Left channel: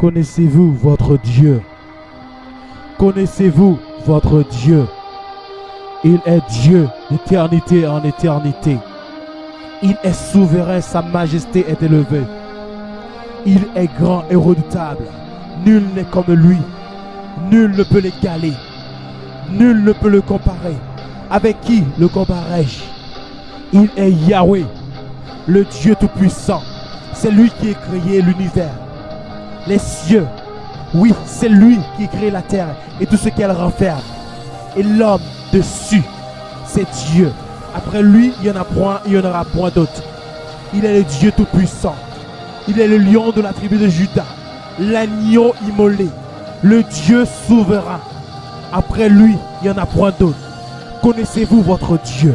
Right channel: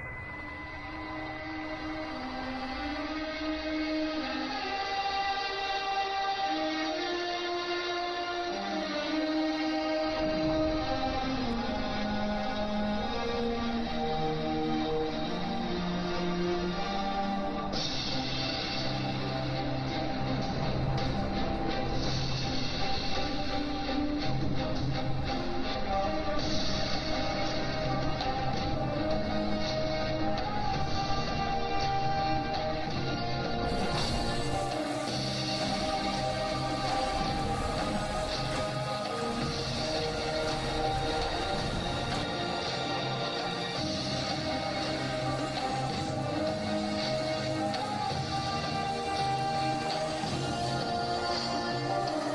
Connaissez-vous votre Dieu? Connaissez-vous votre Dieu? Il est Dieu d'éternité en éternité. Il est souverain, sa majesté est élevée. Il est grand et redoutable. Nul n'est comme lui. Nul ne peut l'égaler. Nul ne peut le comparer. Avec qui le comparerai-je? Il est Yahweh, le Dieu Tout-Puissant. C'est lui qui a créé l'univers, les cieux. Oui, c'est lui qui a créé la terre et tout ce qu'elle renferme. Et l'homme dessus, c'est Dieu. Après lui, il n'y en a point, il n'y en aura point d'autre. Il est le Dieu Tout-Puissant. Il est le lion de la tribu de Juda, l'agneau immolé, le Dieu souverain. Après lui, il n'y en a point d'autre. Connaissez-vous votre Dieu?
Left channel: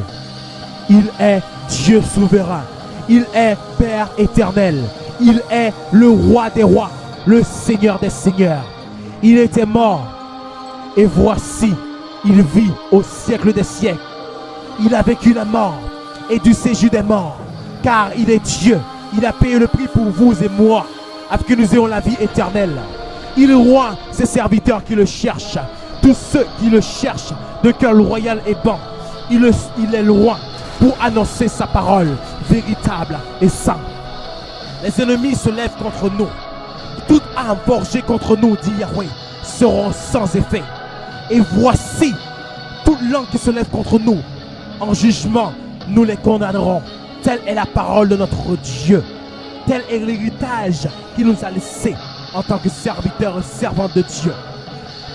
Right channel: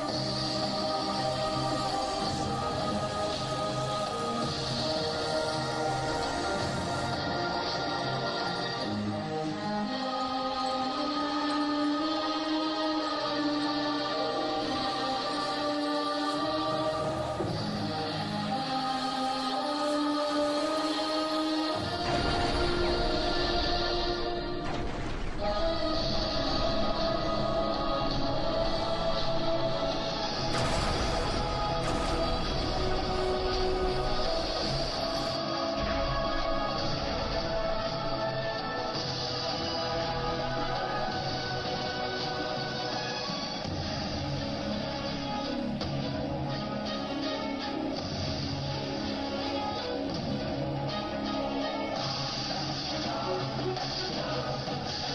Il est Dieu souverain. Il est Père éternel. Il est le roi des rois, le Seigneur des seigneurs. Il était mort et voici, il vit au siècle des siècles. Il a vécu la mort et du séjour des morts, car il est Dieu. Il a payé le prix pour vous et moi, afin que nous ayons la vie éternelle. Il roi ses serviteurs qui le cherchent, tous ceux qui le cherchent de cœur royal et bon. Il est le roi pour annoncer sa parole véritable et sainte. Les ennemis se lèvent contre nous. Toute arme forgée contre nous, dit Yahweh, seront sans effet. Et voici, toute langue qui se lève contre nous, en jugement, nous les condamnerons. Telle est la parole de notre Dieu. Tel est l'héritage qu'il nous a laissé en tant que serviteurs et servants de Dieu.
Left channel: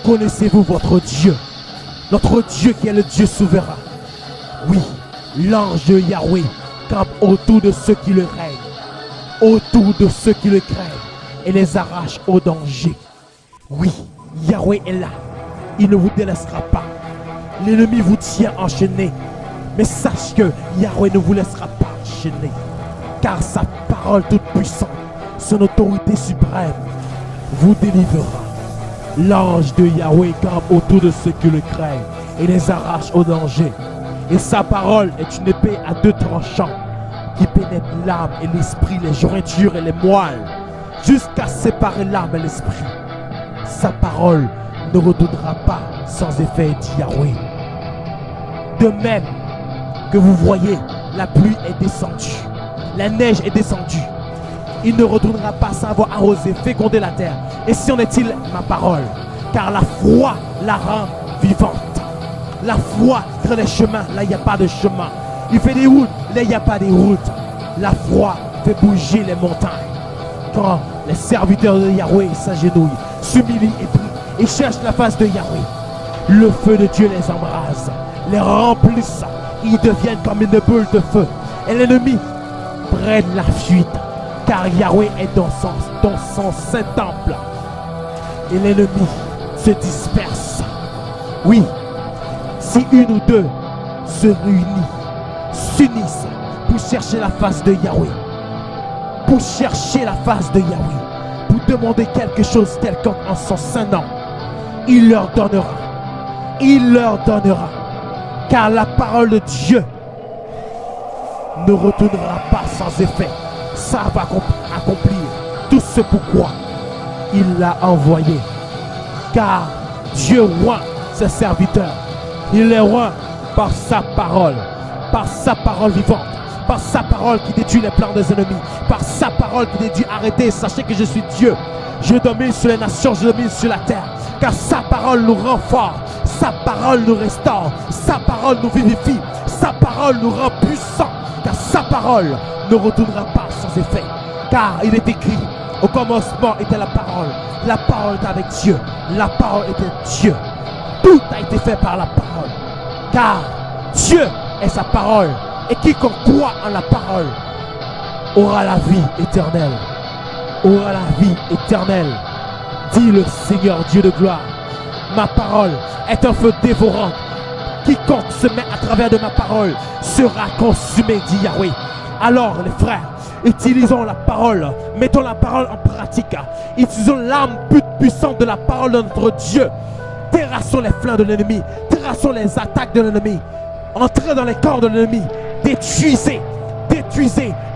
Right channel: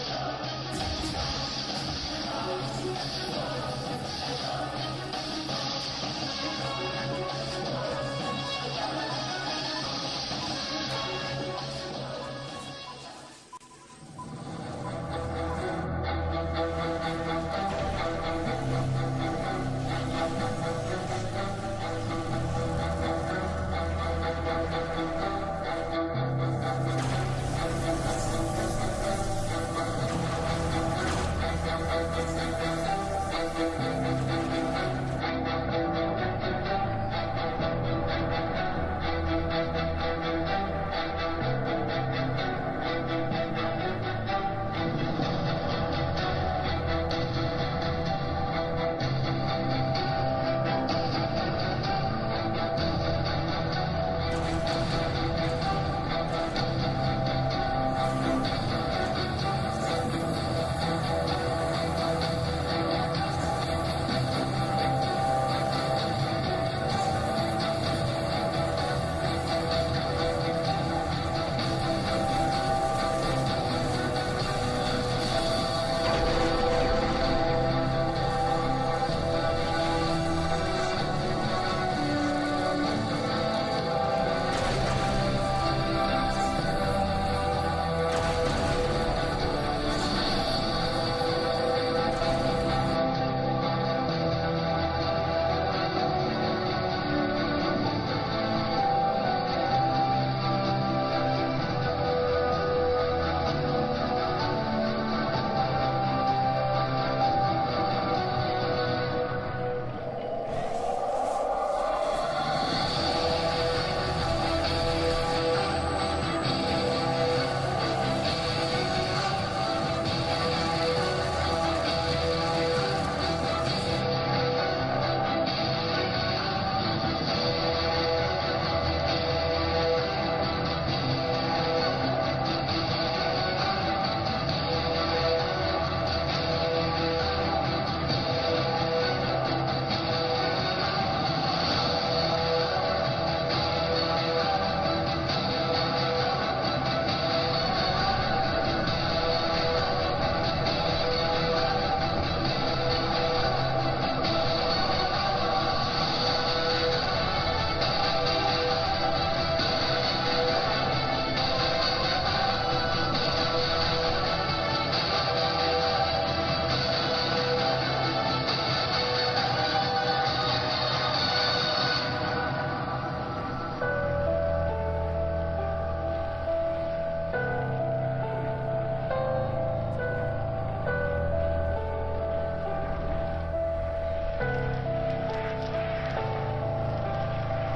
Connaissez-vous votre Dieu? Notre Dieu qui est le Dieu souverain. Oui, l'ange de Yahweh campe autour de ceux qui le craignent, autour de ceux qui le craignent et les arrache au danger. Oui, Yahweh est là. Il ne vous délaissera pas. L'ennemi vous tient enchaîné. Mais sache que Yahweh ne vous laissera pas enchaîné. Car sa parole toute puissante, son autorité suprême, vous délivrera. L'ange de Yahweh campe autour de ceux qui le craignent et les arrache au danger. Et sa parole est une épée à deux tranchants qui pénètre l'âme et l'esprit, les jointures et les moelles, jusqu'à séparer l'âme et l'esprit. Sa parole ne retournera pas sans effet, dit Yahweh. De même que vous voyez, la pluie est descendue, la neige est descendue. Il ne retournera pas sans avoir arrosé, fécondé la terre. Et si en est-il ma parole? Car la foi la rend vivante. La foi crée les chemins, là il n'y a pas de chemin. Il fait des routes, là il n'y a pas de routes. La foi fait bouger les montagnes. Quand les serviteurs de Yahweh s'agenouillent, s'humilient et prient, et cherchent la face de Yahweh, le feu de Dieu les embrase, les remplissent, ils deviennent comme une boule de feu. Et l'ennemi prenne la fuite, car Yahweh est dans son saint temple. Et l'ennemi se disperse. Oui, si une ou deux se réunissent, s'unissent pour chercher la face de Yahweh, pour chercher la face de Yahweh, pour demander quelque chose quelconque en son saint nom, il leur donnera. Il leur donnera. Car la parole de Dieu ne retournera pas sans effet. Ça va accomplir tout ce pourquoi il l'a envoyé. Car Dieu rend ses serviteurs. Il les rend par sa parole vivante, par sa parole qui détruit les plans des ennemis, par sa parole qui dit arrêtez, sachez que je suis Dieu. Je domine sur les nations, je domine sur la terre. Car sa parole nous rend forts, sa parole nous restaure, sa parole nous vivifie, sa parole nous rend puissants. Car sa parole ne retournera pas sans effet. Car il est écrit, au commencement était la parole était avec Dieu, la parole était Dieu. Tout a été fait par la parole. Car Dieu est sa parole. Et quiconque croit en la parole aura la vie éternelle. Aura la vie éternelle. Dit le Seigneur Dieu de gloire. Ma parole est un feu dévorant. Quiconque se met à travers de ma parole sera consumé, dit Yahweh. Alors les frères, utilisons la parole. Mettons la parole en pratique. Utilisons l'âme puissante de la parole de notre Dieu. Terrassons les flancs de l'ennemi. Terrassons les attaques de l'ennemi. Entrez dans les corps de l'ennemi. Détruisez,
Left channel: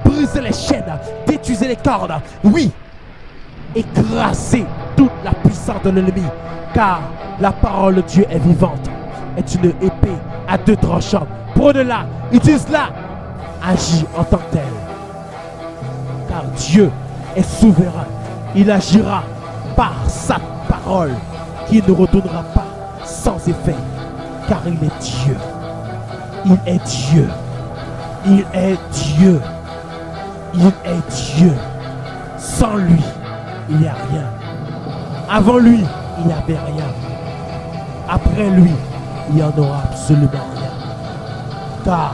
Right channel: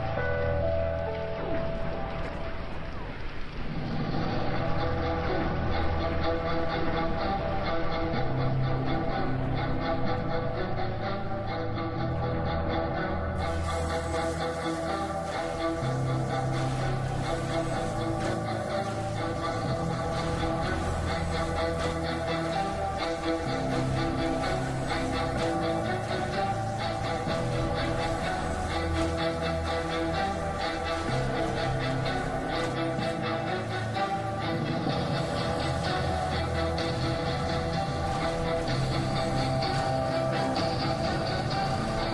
brisez les chaînes, détruisez les cordes. Oui, écraser toute la puissance de l'ennemi. Car la parole de Dieu est vivante, est une épée à deux tranchants. Prenez-la, utilise-la, agis en tant que tel. Car Dieu est souverain. Il agira par sa parole qui ne retournera pas sans effet. Car il est Dieu. Il est Dieu. Il est Dieu. Il est Dieu. Sans lui, il n'y a rien. Avant lui, il n'y avait rien. Après lui, il n'y en aura absolument rien. Car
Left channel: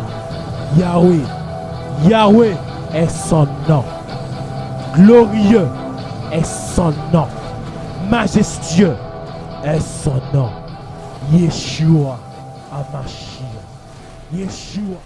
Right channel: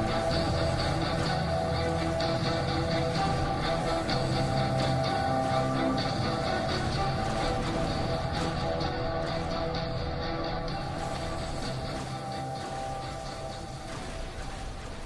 Yahweh est son nom. Glorieux est son nom. Majestueux est son nom. Yeshua HaMashiach. Yeshua